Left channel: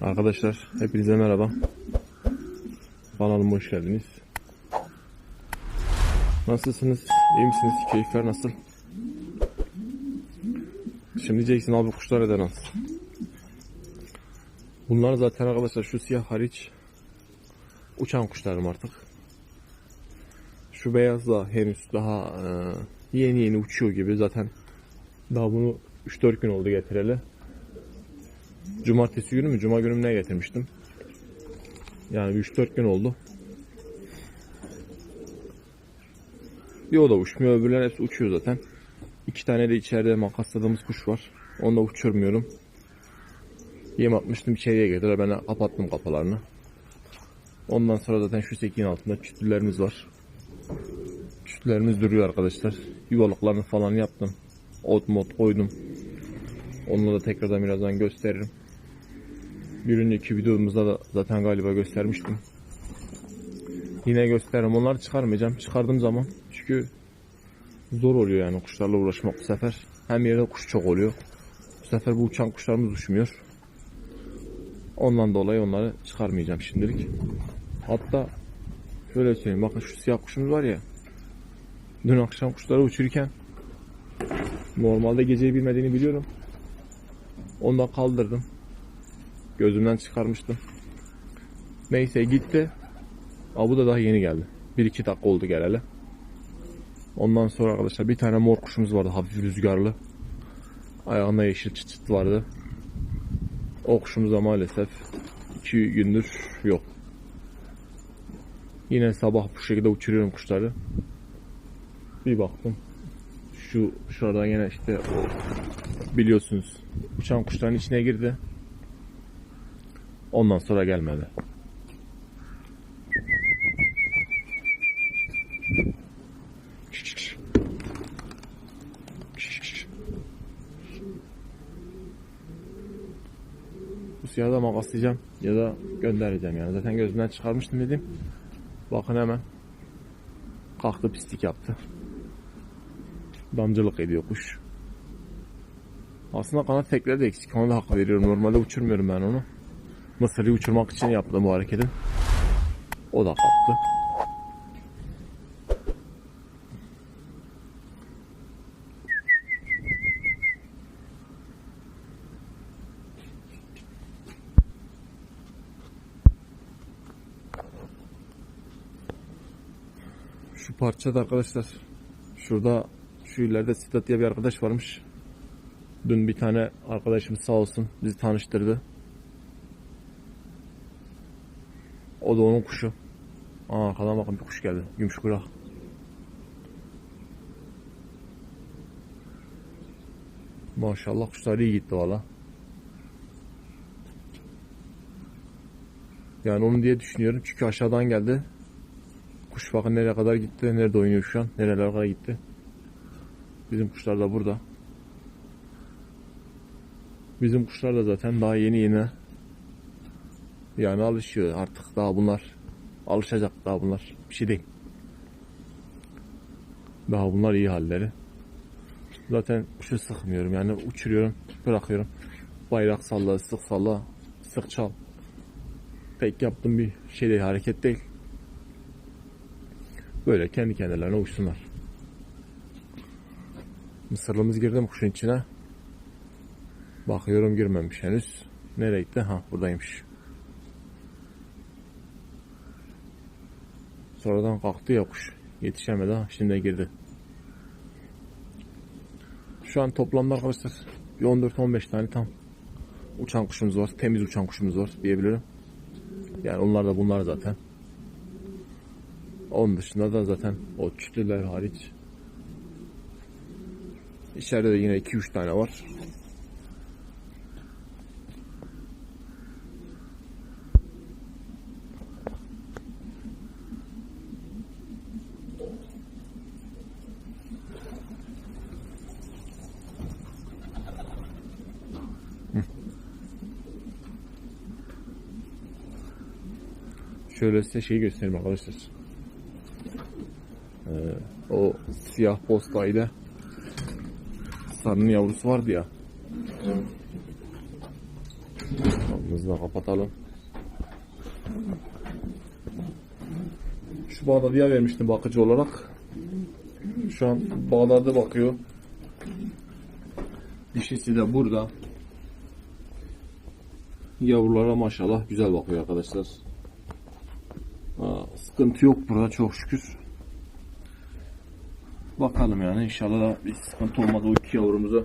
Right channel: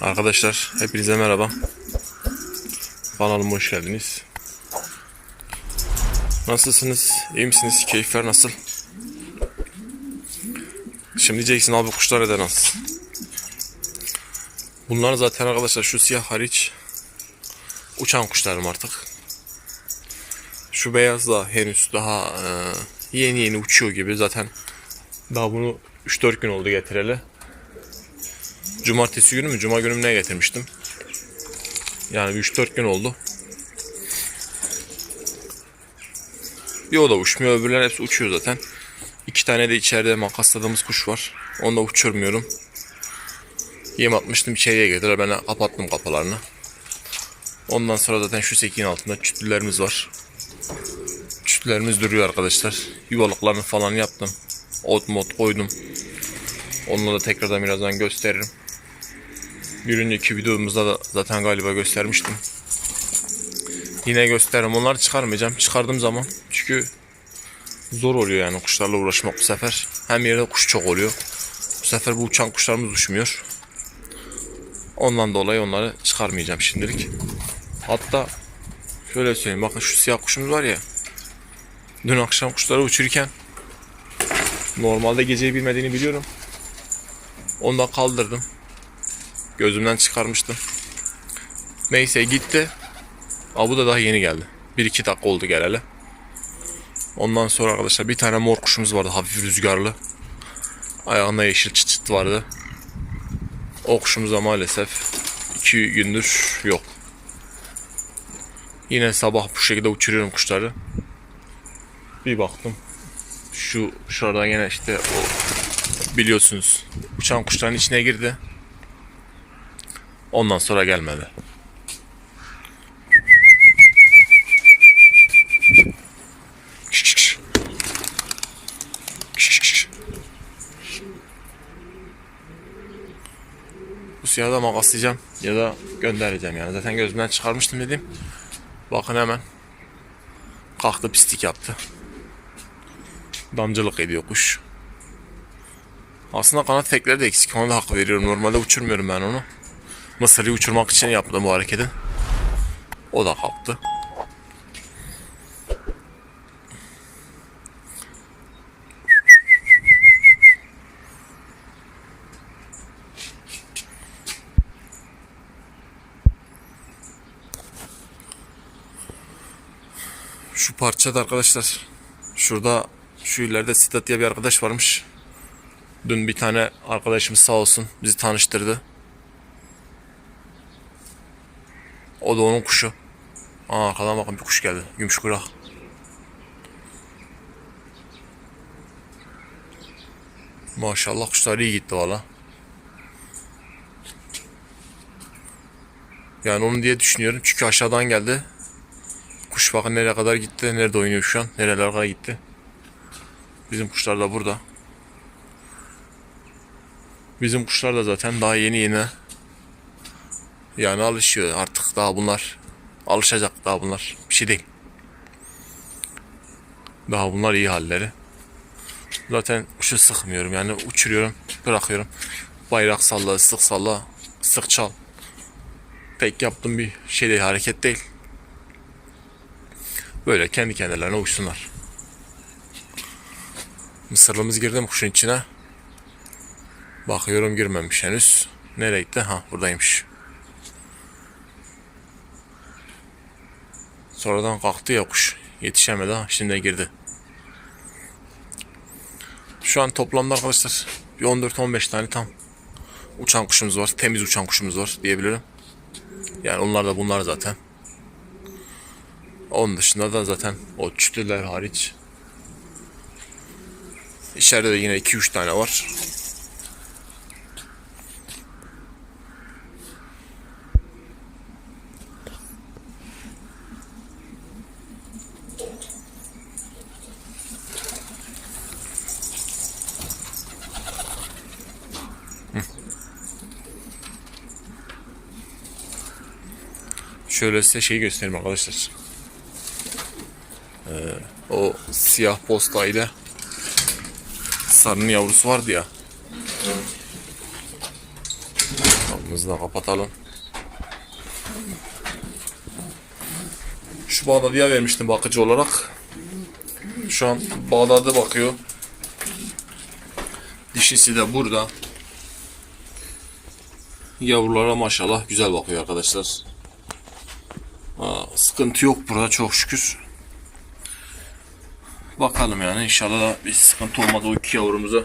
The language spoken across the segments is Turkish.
Arkadaşlar hepinize merhaba. Kanalıma hoş geldiniz. Nasılsınız? İyi misiniz? Keyifler nasıl? Şimdi diyeceksin abi kuşlar neden az? Bunlar zaten arkadaşlar şu siyah hariç uçan kuşlarım artık. Şu beyaz da henüz daha e, yeni yeni uçuyor gibi zaten daha bunu 3-4 gün oldu getireli. Cumartesi günü mü? Cuma günü mü ne getirmiştim? Yani bir 3-4 gün oldu. Bir o da uçmuyor. Öbürler hepsi uçuyor zaten. İki tane de içeride makasladığımız kuş var. Onu da uçurmuyorum. Yem atmıştım içeriye geldiler. Ben kapattım kapılarını. Ondan sonra zaten şu sekin altında çütlülerimiz var. Çütlülerimiz duruyor arkadaşlar. Yuvalıklarını falan yaptım. Ot mod koydum. Onları da tekrardan birazdan gösteririm. Bir önceki videomuzda da zaten galiba göstermiştim. Yine gösteririm. Onları çıkarmayacağım. Çıkardığım zaman çünkü zor oluyor yani kuşlarla uğraşmak bu sefer. Hem yerde kuş çok oluyor. Bu sefer bu uçan kuşlarımız uçmuyor. Ondan dolayı onları çıkarmayacağım şimdilik. Hatta şöyle söyleyeyim bakın şu siyah kuşumuz var ya. Dün akşam kuşları uçururken normalde geceyi bilmediğini biliyorum. Onu da kaldırdım. Gözümden çıkarmıştım. Neyse gitti. Aa, bu da daha yeni geldi. 1-2 dakika oldu geleli. Ondan sonra arkadaşlar bir tane mor kuşumuz vardı hafif rüzgarlı. Ayağında yeşil çıt çıt vardı. O kuşumuz da maalesef 2 gündür yok. Yine sabah bu şekilde uçuruyorum kuşları. Bir baktım. Şu şurada yine işte o biliyorsunuz uçan kuşların içine girdi. Ondan sonra gelmedi. Bu siyahı da makaslayacağım ya da göndereceğim yani. Zaten gözümden çıkarmıştım dedim. Bakın hemen kalktı pislik yaptı. Damcılık ediyor kuş. Aslında kanat tekleri de eksik. Ona da hak veriyorum. Normalde uçurmuyorum ben onu. Mısır'ı uçurmak için yaptım bu hareketi. O da kalktı. Şu parçada arkadaşlar şurada şu ileride Sidat diye bir arkadaş varmış. Dün bir tane arkadaşımız sağ olsun bizi tanıştırdı. O da onun kuşu. Aa arkadan bakın bir kuş geldi. Gümüş kurak. Maşallah kuşlar iyi gitti valla. Yani onu diye düşünüyorum çünkü aşağıdan geldi. Kuş bakın nereye kadar gitti, nerede oynuyor şu an, nerelere kadar gitti. Bizim kuşlar da burada. Bizim kuşlar da zaten daha yeni yeni yani alışıyor artık daha bunlar alışacak daha bunlar bir şey değil. Daha bunlar iyi halleri. Zaten kuşu sıkmıyorum yani uçuruyorum bırakıyorum. Bayrak salla sık salla sık çal. Pek yaptığım bir şey değil hareket değil. Böyle kendi kendilerine uçsunlar. Mısırlımız girdi mi kuşun içine? Bakıyorum girmemiş henüz. Nereye gitti? Ha buradaymış. Sonradan kalktı ya kuş. Yetişemedi ha. Şimdi girdi. Şu an toplamda arkadaşlar bir 14-15 tane tam uçan kuşumuz var. Temiz uçan kuşumuz var diyebilirim. Yani onlar da bunlar zaten. Onun dışında da zaten o çütüler hariç. İçeride de yine 2-3 tane var. Şöyle size şeyi göstereyim arkadaşlar. Ee, o siyah posta ile sarının yavrusu vardı ya. Bak Camımızı da kapatalım. Şu Bağdat'ya vermiştim bakıcı olarak. Şu an Bağdat'a bakıyor. Dişisi de burada. Yavrulara maşallah güzel bakıyor arkadaşlar. Sıkıntı yok burada çok şükür. Bakalım yani inşallah bir sıkıntı olmaz o iki yavrumuzu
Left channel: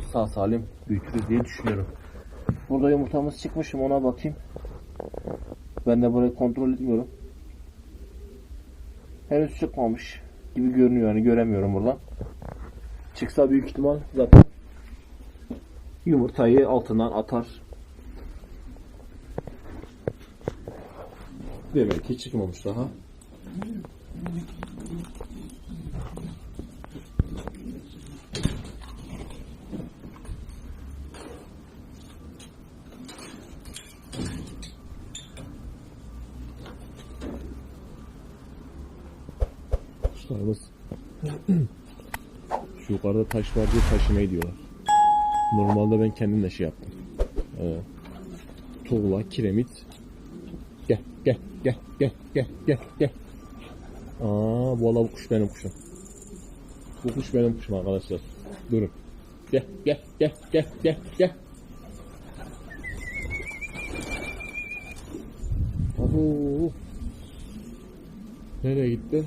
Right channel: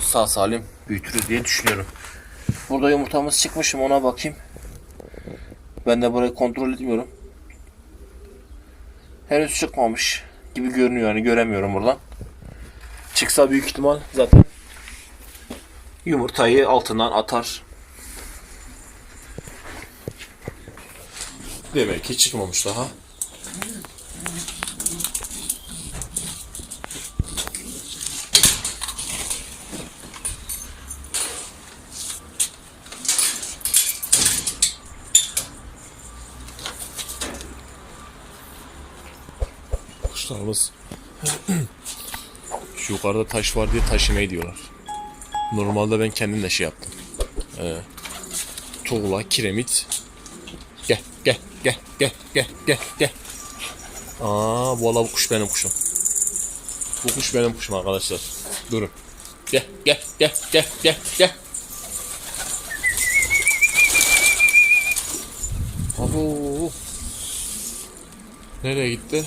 sağ salim büyütürüz diye düşünüyorum. Burada yumurtamız çıkmışım ona bakayım. Ben de burayı kontrol etmiyorum. Henüz çıkmamış gibi görünüyor yani göremiyorum buradan. Çıksa büyük ihtimal zaten yumurtayı altından atar. Demek ki çıkmamış daha. Kuşlarımız şu yukarıda taş var diye taşımayı diyorlar. Normalde ben kendim de şey yaptım. Ee, tuğla, kiremit. Gel, gel, gel, gel, gel, gel, gel. Aa, valla bu kuş benim kuşum. Bu kuş benim kuşum arkadaşlar. Durun. Gel, gel, gel, gel, gel, gel. Abo. Nereye gitti?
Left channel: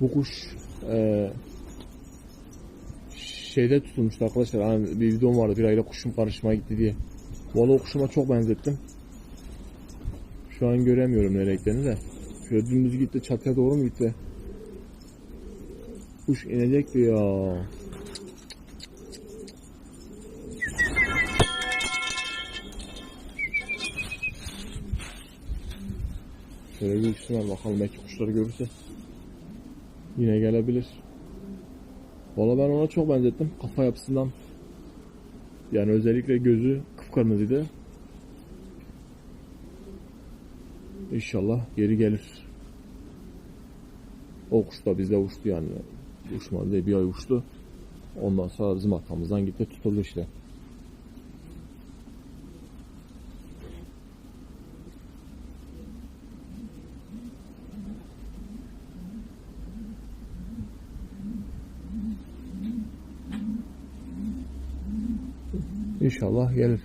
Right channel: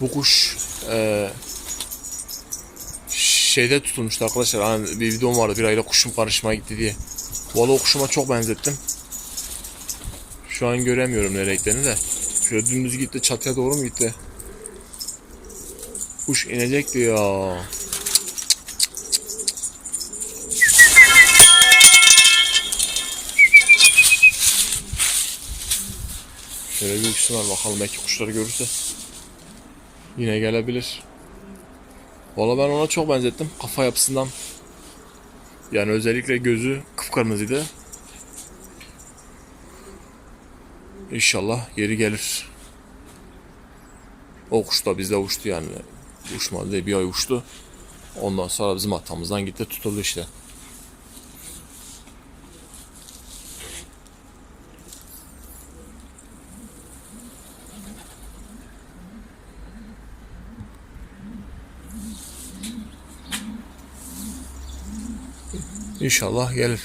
Bu kuş eee şeyde tutulmuştu arkadaşlar. Hani bir videom vardı bir ayda kuşum karışmaya gitti diye. Valla o kuşuma çok benzettim. Şu an göremiyorum nereye gittiğini de. Şöyle dümdüz gitti çatıya doğru mu gitti? Kuş inecekti ya. Şöyle bir uçsunlar bakalım belki kuşları görürse. Yine gelebilir. Valla ben ona çok benzettim kafa yapısından. Yani özellikle gözü kıpkırmızıydı. İnşallah geri gelir. O kuş da bizde uçtu yani. Uçmadı diye bir ay uçtu. Ondan sonra bizim hatamızdan gitti tutuldu işte. İnşallah gelir.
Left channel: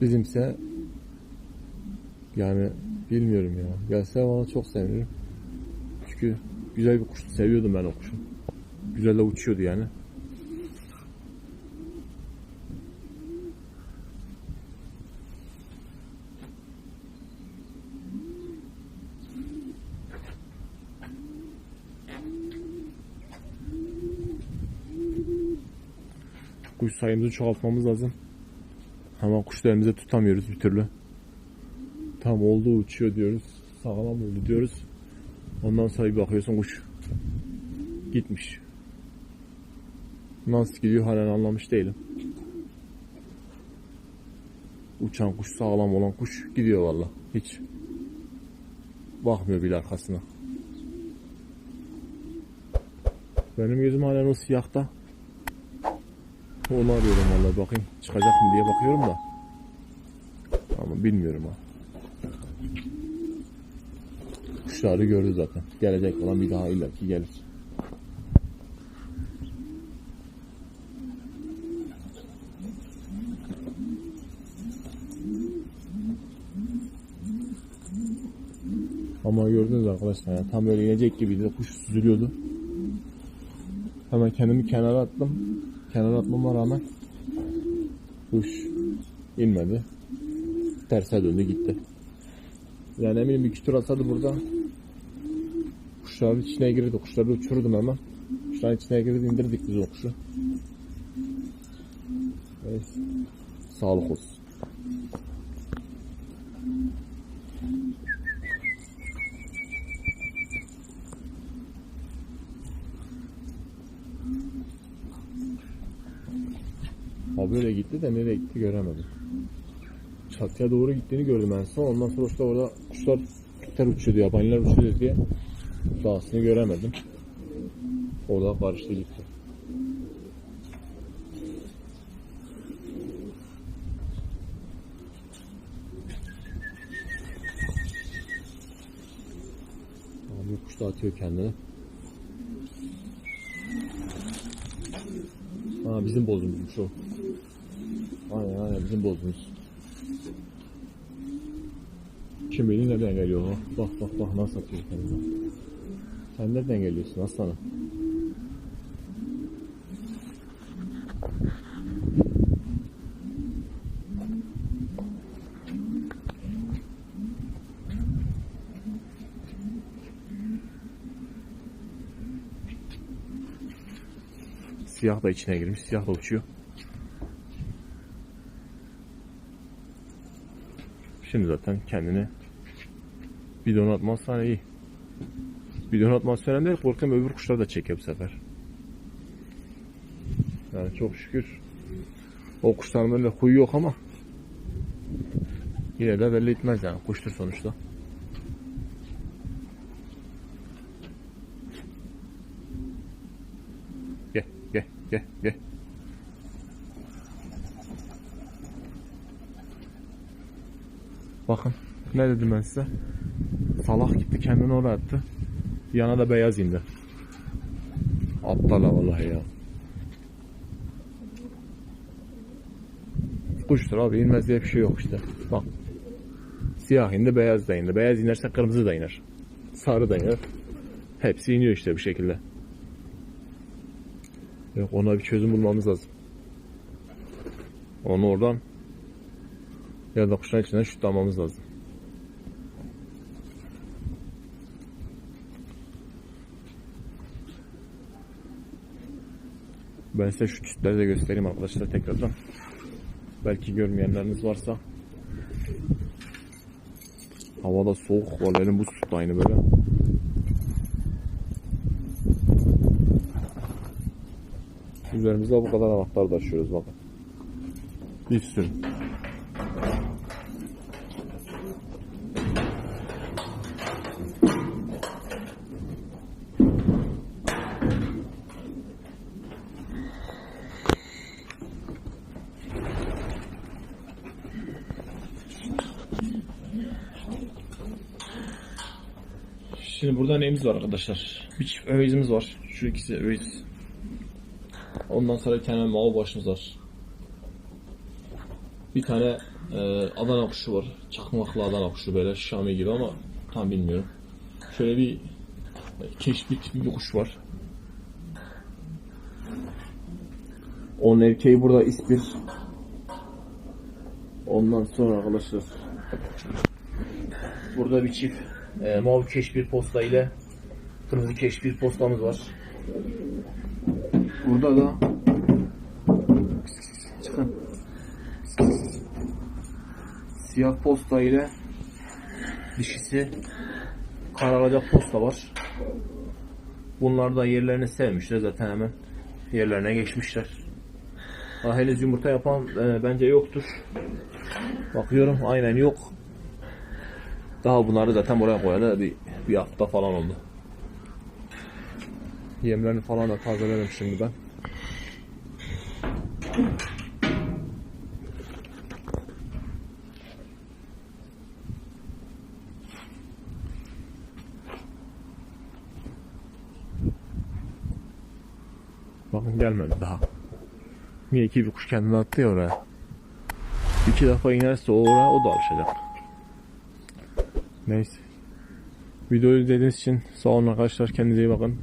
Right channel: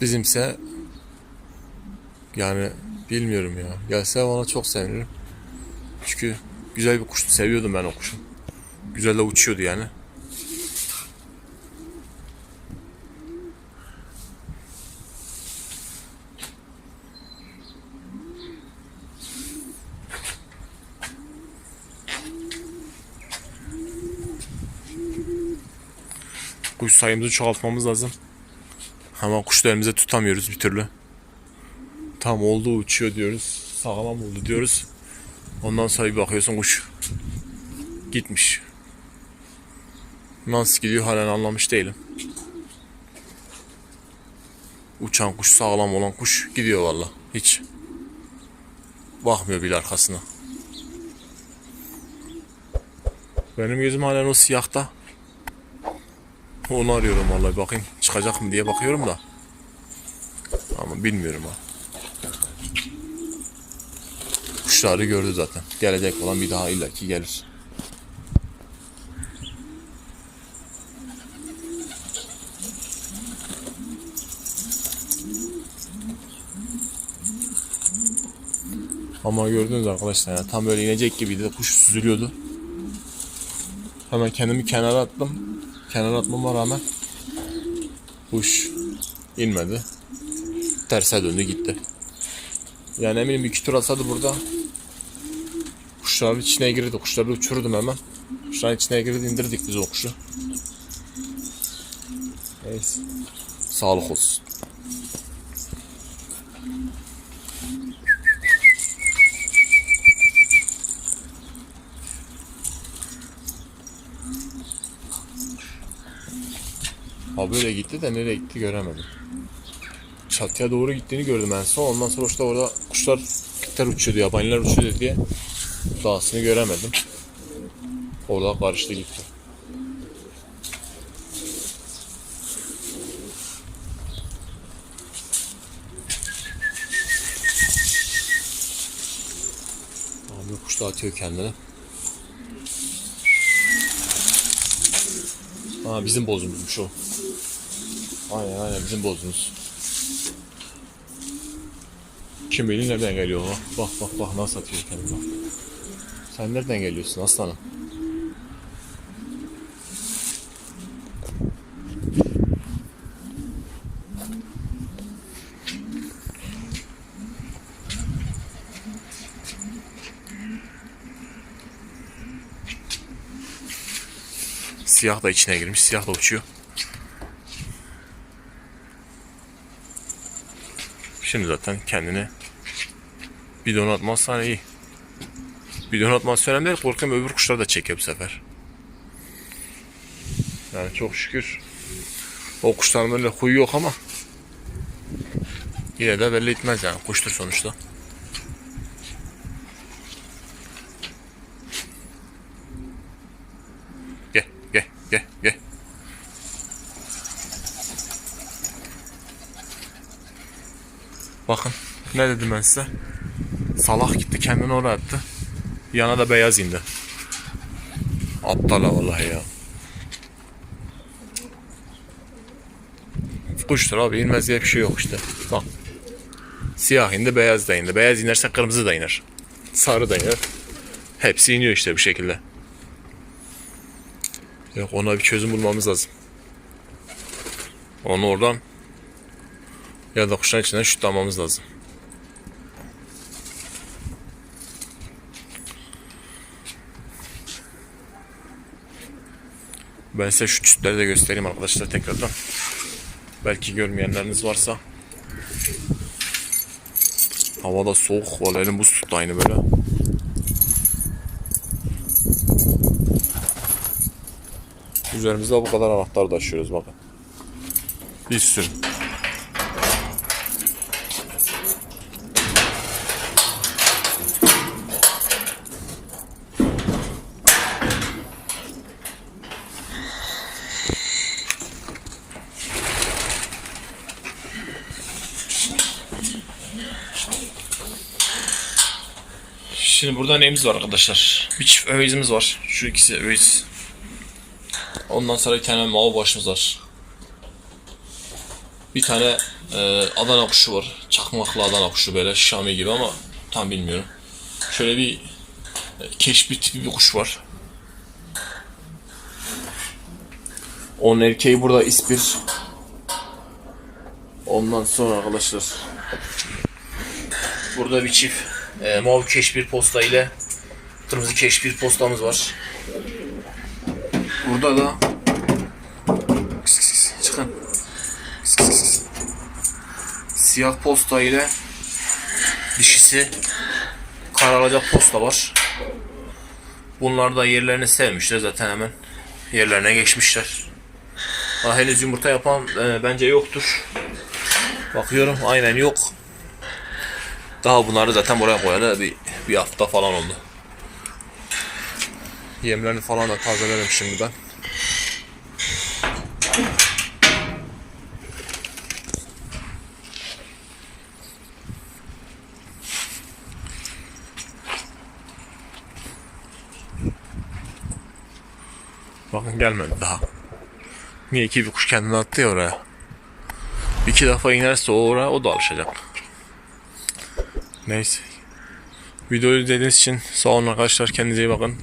Bizimse yani bilmiyorum ya. Gelse ona çok sevinirim. Çünkü güzel bir kuştu. Seviyordum ben o kuşu. Güzel de uçuyordu yani. Kuş sayımızı çoğaltmamız lazım. Ama kuşlarımızı tutamıyoruz bir türlü. Tam oldu uçuyor diyoruz. Sağlam oldu diyoruz. Ondan sonra bir bakıyorsun kuş gitmiş. Nasıl gidiyor halen anlamış değilim. Uçan kuş sağlam olan kuş gidiyor valla. Hiç bakmıyor bile arkasına. Benim gözüm halen o siyahta. Onu arıyorum vallahi bakayım çıkacak mı diye bakıyorum da. Ama bilmiyorum ha. Kuşları gördü zaten. Gelecek olan bir daha illaki gelir. Ama gördünüz arkadaşlar yani tam böyle inecek gibiydi. Kuş süzülüyordu. Hemen kendimi kenara attım. Kenara atmama rağmen kuş inmedi. Terse döndü gitti. Yani eminim iki tur atsaydı burada kuşların içine girdi. Kuşları uçururdum hemen. Kuşların içine girdi indirdik biz o kuşu. Neyse. Sağlık olsun. Ha böyle gitti de nereye gitti göremedim. Çatıya doğru gittiğini gördüm en son. Ondan sonra işte orada kuşlar kuşlar uçuyordu, yabaniler uçuyordu diye dağısını göremedim. Orada karıştı gitti. Abi kuş da atıyor kendine. Aa, bizim bozumuzmuş o. Aynen aynen bizim bozumuz. Kim bilir nereden geliyor o? Bak bak bak nasıl atıyor kendini bak. Sen nereden geliyorsun aslanım? Siyah da içine girmiş. Siyah da uçuyor. Şimdi zaten kendini bidon atmazsan iyi. Bidon atmazsa önemli değil. Korkuyorum öbür kuşlar da çekiyor bu sefer. Yani çok şükür o kuşların böyle huyu yok ama yine de belli etmez yani. Kuştur sonuçta. Gel gel gel gel. Bakın ne dedim ben size. Salah gitti kendini oraya attı. Yana da beyaz indi. Aptal vallahi ya. Kuştur abi inmez diye bir şey yok işte. Bak. Siyah indi beyaz da indi. Beyaz inerse kırmızı da iner. Sarı da iner. Hepsi iniyor işte bu şekilde. Yok ona bir çözüm bulmamız lazım. Onu oradan ya da kuşların içinden şutlamamız lazım. Ben size şu çütleri de göstereyim arkadaşlar tekrardan. Belki görmeyenleriniz varsa. Hava da soğuk. Vallahi elim buz tuttu aynı böyle. Üzerimizde bu kadar anahtar taşıyoruz bakın. Bir sürü. Şimdi burada neyimiz var arkadaşlar? Bir çift övizimiz var. Şu ikisi öviz. Ondan sonra bir tane mavi başımız var. Bir tane e, Adana kuşu var. Çakmaklı Adana kuşu böyle Şami gibi ama tam bilmiyorum. Şöyle bir e, keşbi tipi bir kuş var. Onun erkeği burada ispir. Ondan sonra arkadaşlar Burada bir çift e, mor keşbir posta ile kırmızı keşbir postamız var. Burada da çıkın. Siyah posta ile dişisi karalacak posta var. Bunlar da yerlerini sevmişler zaten hemen yerlerine geçmişler. Daha henüz yumurta yapan e, bence yoktur. Bakıyorum aynen yok. Daha bunları zaten buraya koyalı bir, bir hafta falan oldu. Yemlerini falan da tazelerim şimdi ben. Bakın gelmedi daha. Niye ki bir kuş kendini attı ya oraya. İki defa inerse o oraya o da alışacak. Neyse. Videoyu izlediğiniz için sağ olun arkadaşlar. Kendinize iyi bakın.